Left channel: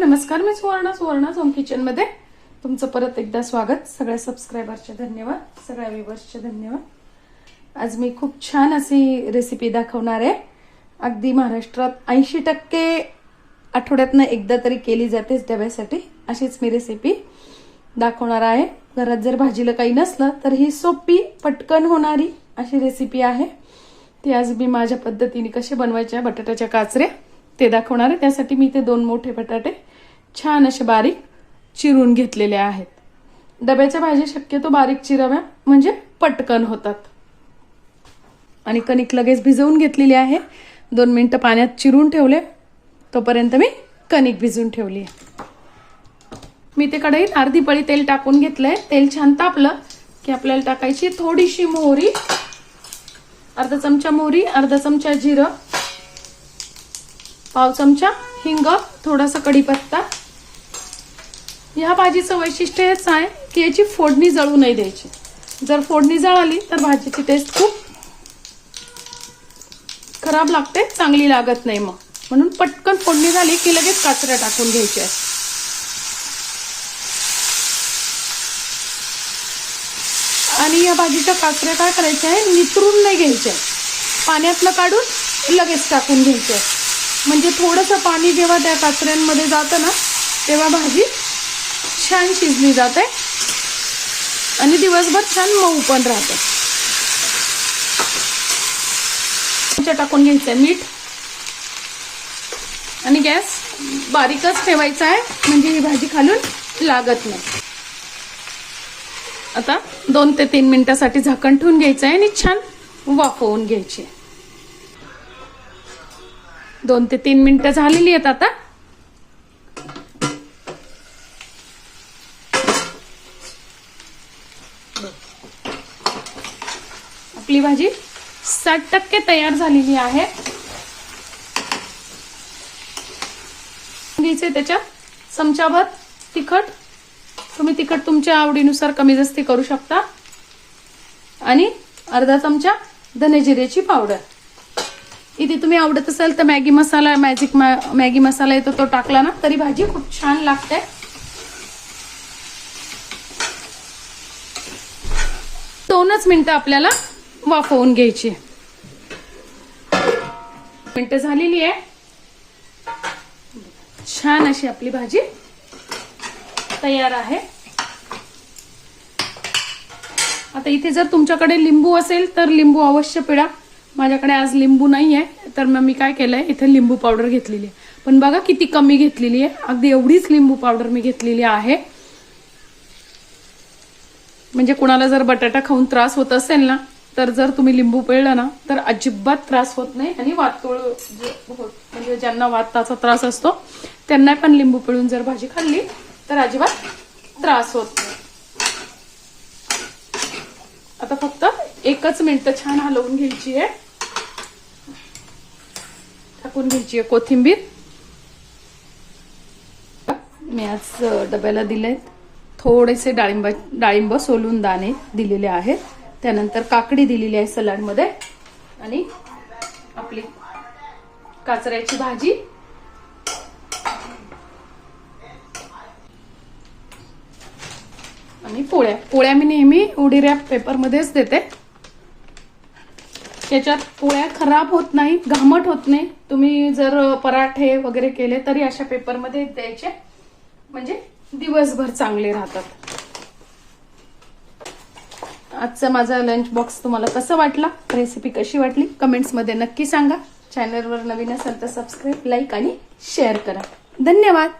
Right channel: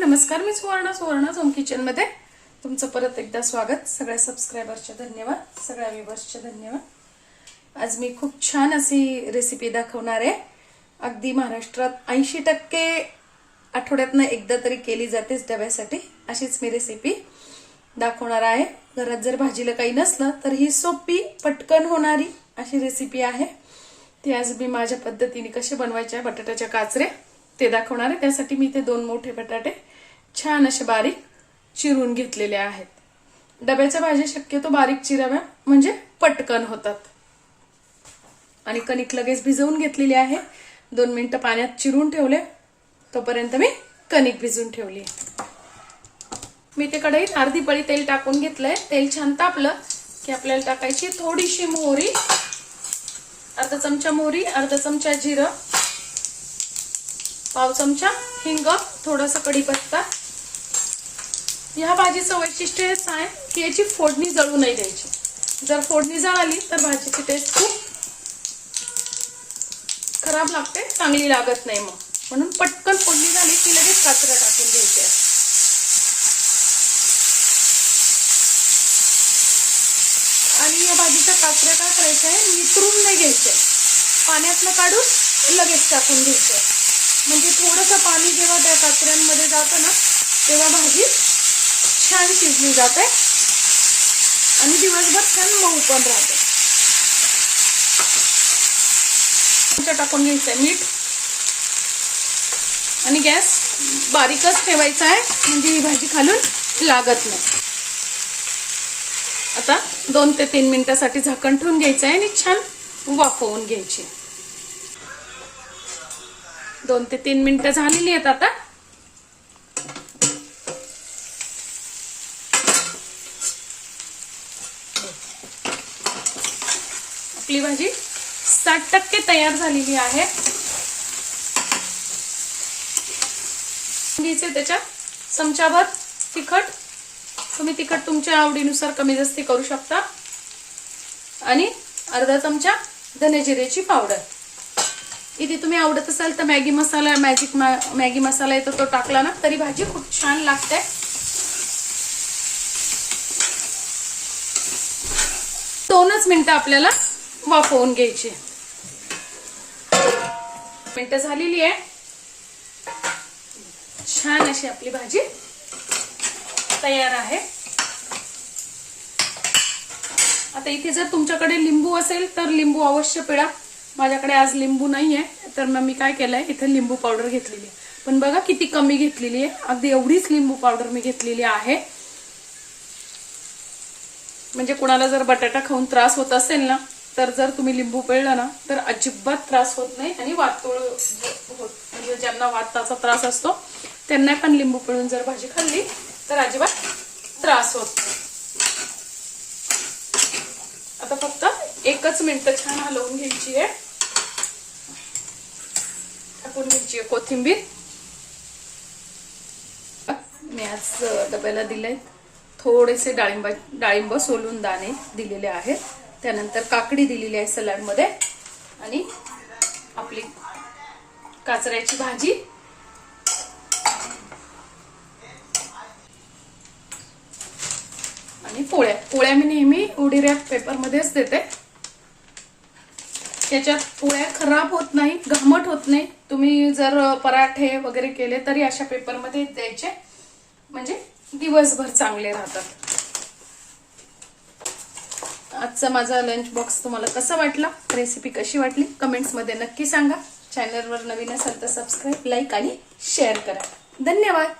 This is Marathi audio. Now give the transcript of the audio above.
नमस्कार मी सुवर्णा सुवर्णा झोम किचनमध्ये. तुमचं परत एकदा स्वागत. सगळ्या सबस्क्रायबरचे धन्यवाद सगळ्या व्ह्युअर्सचे धन्यवाद. आज मी खूप छान अशी रेसिपी दाखवणार आहे. अगदी महाराष्ट्रात ऐंशी टक्के आठवड्यातनं एकदा तरी केली जातेच डब्यासाठी. अशीच मी रेसिपी दाखवणार आहे. घरात जर भाजीला काही नसलं तर ही सोपी पटकन होणारी अशी रेसिपी आहे. ती आज मी माझ्या पद्धतीने कशी बनवायच्या आहे बटाट्याच्या काचऱ्या ते दाखवणार आहे. त्यासाठी मी ते दोन मोठे बटाटे छान असे बारीक चिरून घेतलेले आहेत. डब्याच्या भाज्या शक्यतो बारीक चिराव्या म्हणजे पटकन होतात. आणि कणिक लगेच भिजवून घेतलेली आहे. दोन मिनटं पाण्यात चिरून ठेवले. तोपर्यंत मी कणिक भिजून ठेवली मी ते कढईत अर्धी पळी तेल टाकून घेतलंय. तेल छान तापलं की आपल्याला टाकायची थोडीशी मोहरी अर्धा चमचा मोहरी अर्धा चमचा जिरं पाव चमचा हिंग थोडासा कढीपत्ता ह्या भाजीचं वैशिष्ट्य हेच आहे की याची फोडणी जळू नाही द्यायची. जर फोडणी जळाली तर भाजीची टेस्ट खूप खराब लागते चांगली लागत नाही मग. म्हणून पटकन फोडणी झाली की लगेच काचऱ्या टाकून घ्यायच्या आणि या भाजीच्या काचऱ्या काय करायच्या आहे? नितरून नाही घ्यायच्या पाण्यातलं काढून लगेच टाकून घ्यायच्या म्हणजे थोडंसं पाणी जेव्हा त्या काचऱ्यांमध्ये जातं ना तेव्हा भाजी छान शिजली जाते. आणि दिवसभर छान मऊ पण राहते. टाकून घ्यायचं मीठ. आणि गॅस बारीकच ठेवायचा आहे. म्हणजे ही भाजी खालून लागत नाही. आता दोन ते तीन मिनिटासाठी झाकण ठेवून घ्यायचं आहे आणि छान वाफवून घ्यायची दोन ते तीन मिनिटं झालेली आहेत आता. आपली भाजी साठ टक्के तयार झालेली आहे. घ्यायचे त्याच्यात चमचाभर तिखट. तुम्ही तिखट तुमच्या आवडीनुसार कमी जास्ती करू शकता. आणि अर्धा चमचा धने पावडर. इथे तुम्ही आवडत असाल तर Maggi masala magic Maggi masala येतो तो टाकला ना तरी भाजी खूप छान लागते. दोनच मिनिटं आपल्याला वाफवून घ्यायची. मिनिटं झालेली आहे. छान अशी आपली भाजी तयार आहे. आता इथे जर तुमच्याकडे लिंबू असेल तर लिंबू अवश्य पिळा. माझ्याकडे आज लिंबू नाही आहे तर मग मी काय केलंय? इथे लिंबू पावडर घेतलेली आहे. पण बघा किती कमी घेतलेली आहे. अगदी एवढीच लिंबू पावडर मी घेतलेली आहे. म्हणजे कुणाला जर बटाटा खाऊन त्रास होत असेल ना तर जर तुम्ही लिंबू पिळला ना तर अजिबात त्रास होत नाही आणि वातोळ म्हणजे ज्यांना वाताचा त्रास असतो त्यांना पण लिंबू पिळून जर भाजी खाल्ली तर अजिबात त्रास होत नाही. आता फक्त एकच मिनिट छान हलवून घ्यायची आहे. टाकून घ्यायची आहे कोथिंबीर. मी आज डब्याला दिले थोडेसे डाळिंब डाळिंब सोलून दाणे दिलेले आहेत. त्यानंतर काकडी दिलेली आहे सलाडमध्ये. आणि आपली काचऱ्याची भाजी. आणि पोळ्या. पोळ्या मी नेहमी उडी रॅप पेपरमध्येच देते. त्याच्यात पोळ्या खराब होत नाही घामट होत नाही. तुम्ही जर पराठे वगैरे केले तरी अशा पेपरमध्ये द्यायचे. म्हणजे दिवसभर चांगले राहतात. आजचा माझा लंच बॉक्स तुम्हाला कसा वाटला? रेसिपी कशी वाटली? कमेंट्समध्ये नक्की सांगा. चॅनलवर नवीन असेल तर सबस्क्राईब लाईक आणि शेअर करा. धन्यवाद.